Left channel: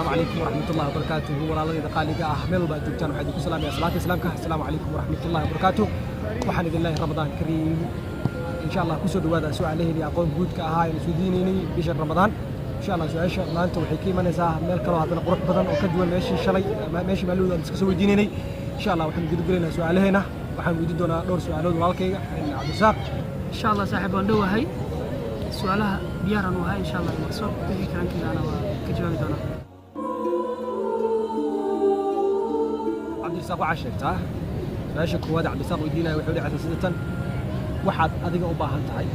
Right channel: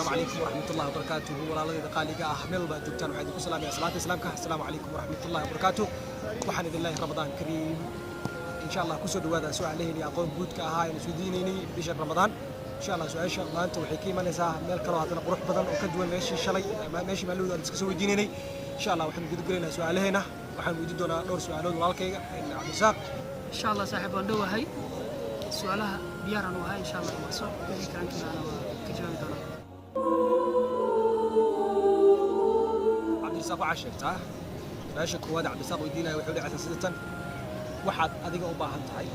السلام عليكم ورحمة الله وبركاته ولا لدي قالقة أحمل بأجبتان وحيدكم سلام يا صلاة إسلامك السلام عليكم ورحمة الله وبركاته وحمد الله رمضان كريم إن شاء الله كسر هذا سؤالين اللي أقول بودك هاي مسوديني بشهر رمضان إن شاء الله سؤال شهر ما أنت وحكي من إذا ملك الله هذا قرط بدن وكدوا ماشي شلي ماشي ملود أن تسوي ديني إن شاء الله وحنا جد قلنا سؤالين وحنا جدنا دور سؤالين والكي عبد الساق إن شاء الله صاحب وندوه هاي سؤالها بيارن وهاي إن شاء الله المقصود في كلام كذا أنا وكجواب دونا عبد الساق وعشرة ماشي كواد عبد الساق ودينا وحولي على سنة waxaad adiga u baahan tahay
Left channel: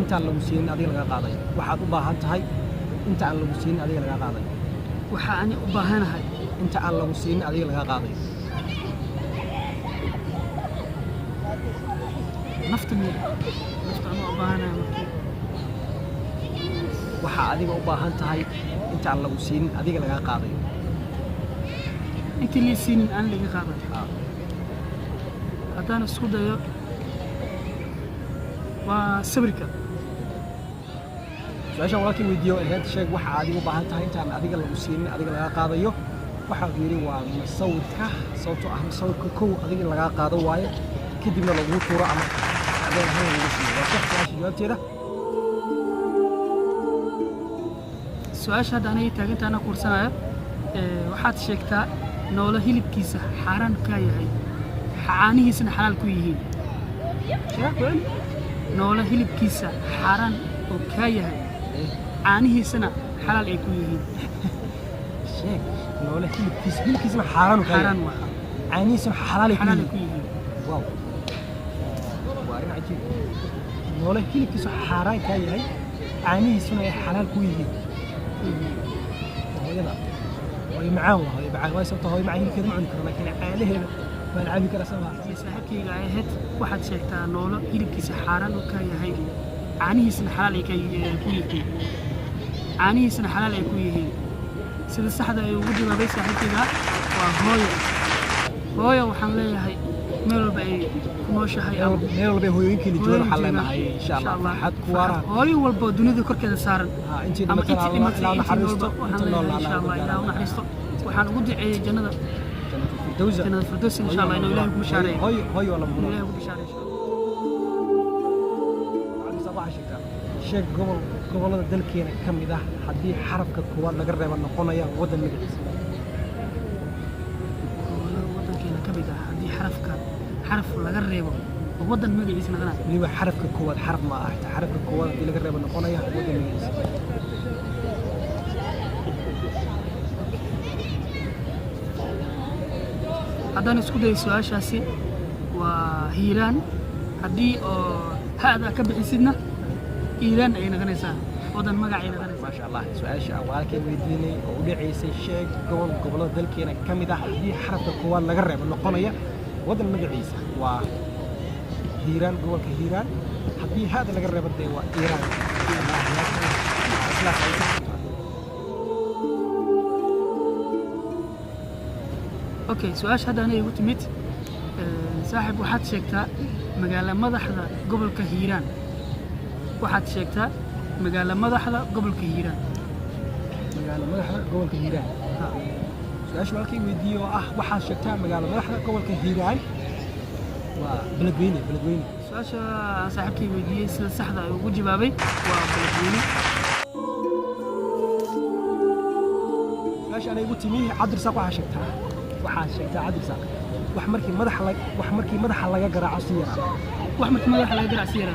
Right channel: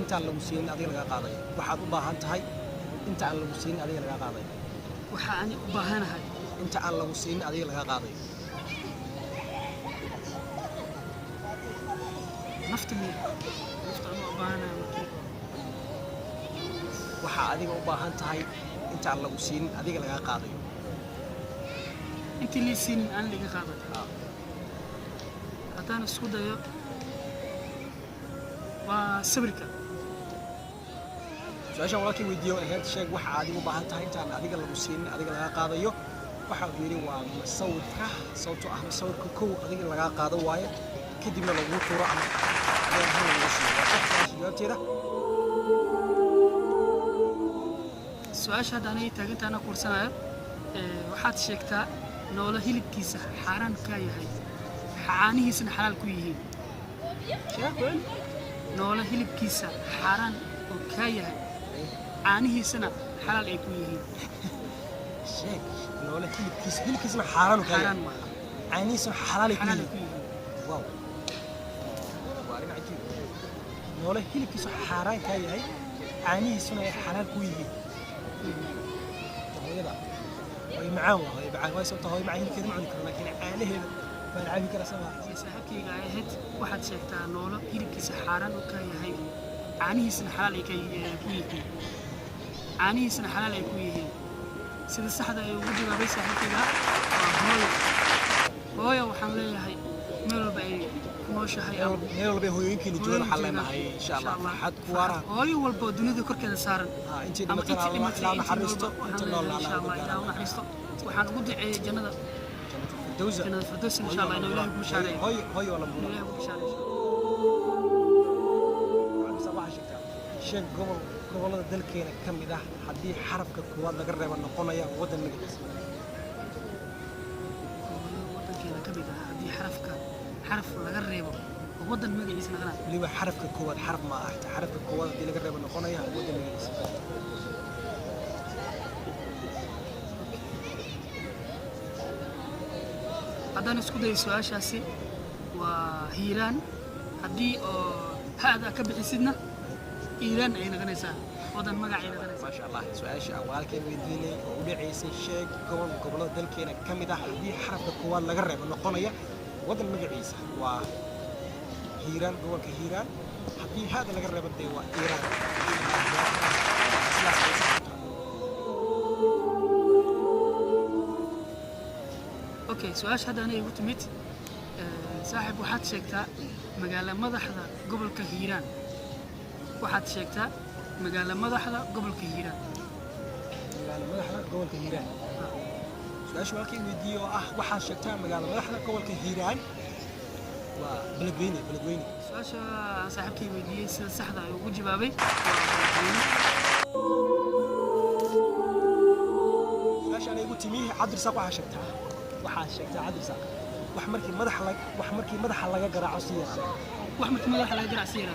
intaan lagu siin adiga laga qaaday waxaad u baahan tahay inta aan lagu siin adiga laga qaaday waxa aan u baahanahay inta aan lagu siin adiga laga qaaday nafta aan u baahanahay markii waxa adiga u baahan tahay inta aan lagu siin adiga laga qaaday intii la siin aan laga qaaday hadaan isku dayo وصبرك سؤال ولكن فيديو هاد شيء waxa aad u baahan tahay intaan adiga lagu siin adiga laga qaadayo waxa uu yiri waa sawirka sawto ah sawirka kow adiga laga qaado waaye kadibna lagu tuuro ama adiga hal lagu siiyo waa sax jawaabteeda su'aasha hadaan taagan taana kursanayo waxaad sheegtaa noolo hilibkiisa xaraan ka yahay caanihiisna xalaal ku yihiin sheekhan noolo hilibkiisa xaraan oo ka yahay caanihiisana xalaal ay ku yihiin sheeg noolo hilibkiisa xaraan oo xaraan waa caanihiisana xalaal ay ku yihiin waaw waa in ajiib noolo hilibkiisa xaraan ka yahay caanihiisana ay xalaal ku yihiin hooyada way macaan way sabta hooy macaan hilibkeeda ma cuni karo laakiin caanaheeda baan cabi kara sama saaxiibkayga ahayd waxaad sheegtaa noolo hilibkiisa xaraan oo ka yahay caanihiisana xalaal ay ku yihiin caanihiisana xalaal ay ku yihiin sida saxda ay ugu jawaabay saaxiibkayga waa hooyo waxaan leeyahay meel walba ay ku nooshahay ama meel walba hooyooyinkeena jooga waxaan leenahay insha Allah had ku waara hooyo walba dunida korkeeda saaran ama intii dhimatay naxariisto waxaan leeyahay insha Allah ilaahu naxariisto waxaan ugu duceeyay jannada جنة الفردوس إن شاء الله إنه إلهي بشارة هاي ولا مو إلهي بشارة صباح شيء قبل ذلك كم إذا حدي حرف كقوات لقرب أن نقول يا ودن مجلس ودن كنا كم إذا حدي حرف لقرب ودن مجلس نغنى اللي هو حرف كقوات حرف ما أحد حرف كقوات اللي لقرب أن نقول يا ودن مجلس haddaan isku dayo su'aashaasi waa hiiraan haddii oo hada ka bixisidna hiiraan ay noqonaysaa wadan magac ay noqonaysaa maasha Allah su'aasha walaalkay weydiinay oo u dhaceysay sheeg gobolada dalkeena kamid ah haddii xarafka koowaad laga reebo noqonaya wadan magaciisa waa hiiraan gobolka hiiraan haddii hada laga reebo waa hiiraan اوكي سؤال هذا انا قلت ميت صاحب واحد شيكتا مقاله مدحدا قبل كهيران واحد شيكتا مقاله مدحدا قبل كهيران مقاله مدحدا قبل كهيران سؤال ولكن ويديو واحد شيكتا مقاله مدحدا قبل كهيران وبلدويني سؤال صاحبكي ويديو سيده صحدا ugu jawaabay waa بلدويني سؤال انا قلت مي عبد الرزاق واحد شيكتا waxaa sheegtay cabdi saaq wax markii madaxa laga garaaco si yar wax markii madaxa laga garaaco si yar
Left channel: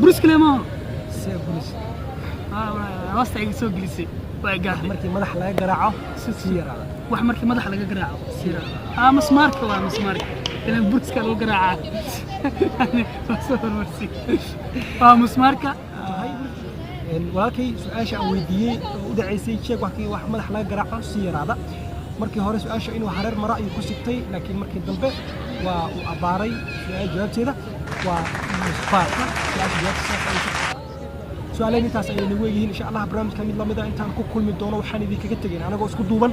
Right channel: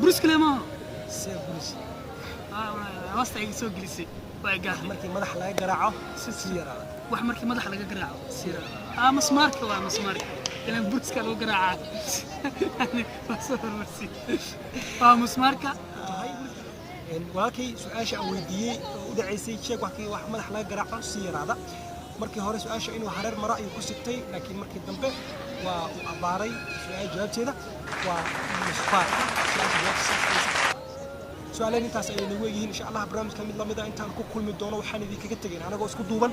bruce clemo si bruce wasta ay soo gelisay way gaadhay markii madaxa laga garaaco si yar wax markii madaxa laga garaaco si yar masmarka waa masmarka ilaa bruce ka loo garaaca waa masmarka walaalkay su'aasha aan weydiiyay oo u dhaceysay sheeg wax madaxa laga garaaco si yaraada markii hore su'aasha inuu hareer mara ay ku sigtay laakiin markii dambe waa uu abaaray su'aal jawaabteeda waa musfaar su'aalayn intaas ayay nagu leeyihiin insha Allah barnaamijka mid lamid ah intaan ku kulmi doono waxaan idinkaga tagayn anagoo isku duuban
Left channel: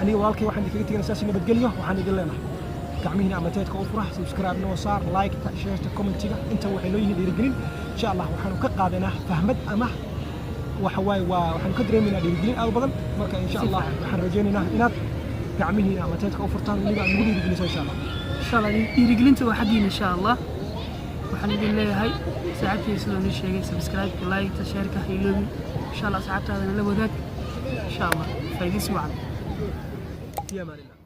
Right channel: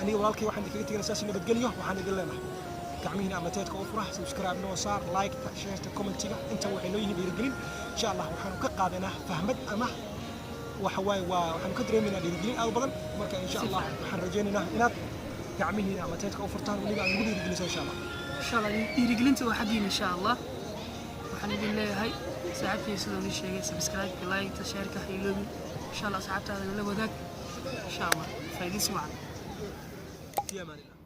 aniga walaalkay waxaan idinkaga tagayn asaasi nabadgelyo waxaan idin leenahay gacmihiina ama teedka u furaha subscribe noo saar like share commentiga inta waxay leeyihiin dhiirigelin insha Allah waxaan ka qaadanaa fahmad ama waxa waaye waxaan ka dareemaynaa dhiirigelin aad u badan marka insha allah waxaan rajaynaynaa inaad gacmihiina ama teedka u furtaan weliba aad nagu dhiirigeliso insha allah dhiirigelinta waa xaggiina insha allah waxaan idin leeyahay saacadkii sidoo ni sheegay subscribe like share ka hayloobin insha allah saacadtaadana la wadaag insha allah faa'iidaysi wacan في امان الله.